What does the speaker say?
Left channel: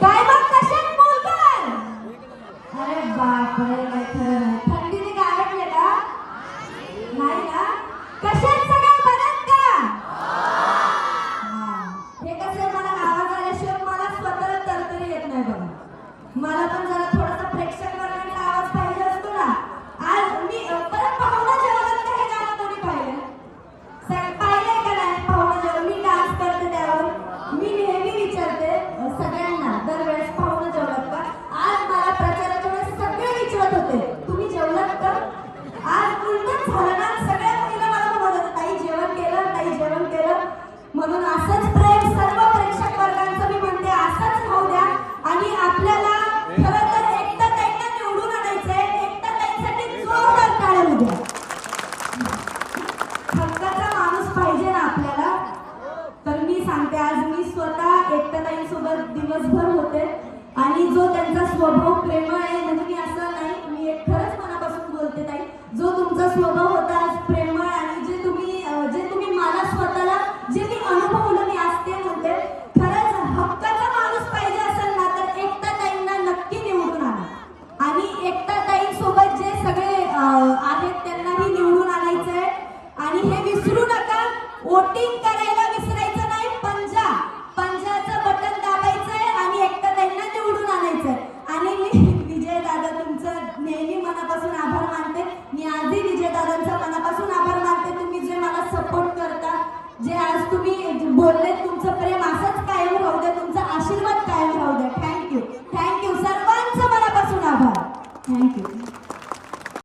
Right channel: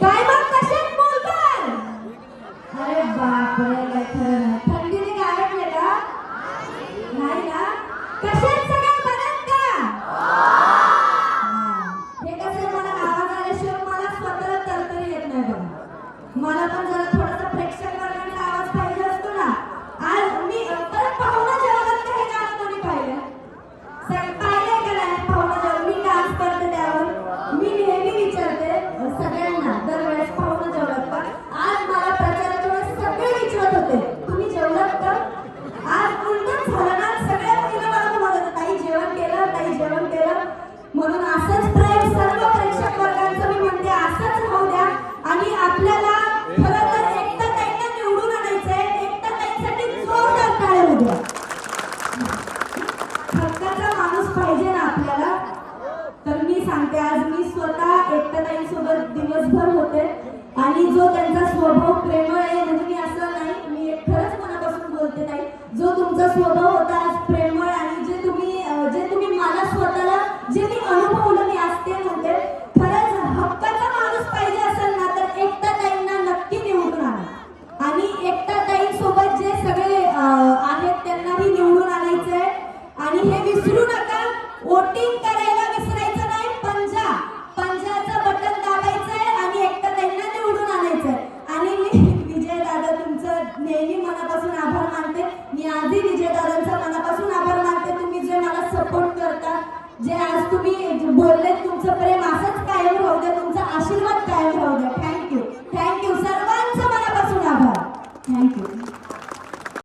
काय मग कशात बोलताय? अरे बापरे, काय खरं नाही. थंडीने गारठले का? नाही ना? कशात सगळं बरं का? हे कसं मला आवाज आल्याशिवाय मला स्वतःला तरतरी येत नाही बघा. मला पण जरा थोडासा प्रेक्षक वर्गाचा आवाज पाहिजे असतो ना. आज मी परत पाहुणा जगात का हे गाणं कोणी पाहिलं? सगळं पाहिलंय का नाही? पाहुणा जग मी डान्स करते त्यावर. मी नेहमी विचारते सगळ्यांना दरवेळेस पाहुणा जेवलात का? आज मला प्रचाराच्या वेळेस सगळे विचारत होते तुम्ही जेवलात का? आज उलटच झालं ना. सगळ्या मुलीला मला बोलत ताई जेवण केलं, ताई जेवण केलं. म्हणून असंच प्रेम सर्व प्रेक्षक वर्गांचं मी म्हणते असंच होऊ द्या. आणि आपल्याला खरं तर एकटा ताईंना निवडून आणायचंय. एकटा ताईंसाठी जोरदार टाळ्या होऊ द्या. हक्काचा माणूस पाहिजे ना आपल्याला. तर मी सांगते आज मी स्वतः एकटा ताईंसोबत दिवसभर होते आणि जो त्यांचा स्वभाव प्रेमळ आहे म्हणजे मी असं नाही मी खरंच मनापासून बोलते ताई. जो तुमचा स्वभाव होता आज प्रेमळ आणि जे तुम्ही मला स्वतःला जे मी अनुभवलं मी आज ते म्हणते. खरंच हक्काचा माणूस पाहिजे असेल ना तर एकटा ताईंना नक्की निवडून आणा. आणि एकटा ताईंसोबत जे सगळे आहेत त्यांनाही निवडून आणायचंय. आणि हे विसरू नका वोटिंग करायला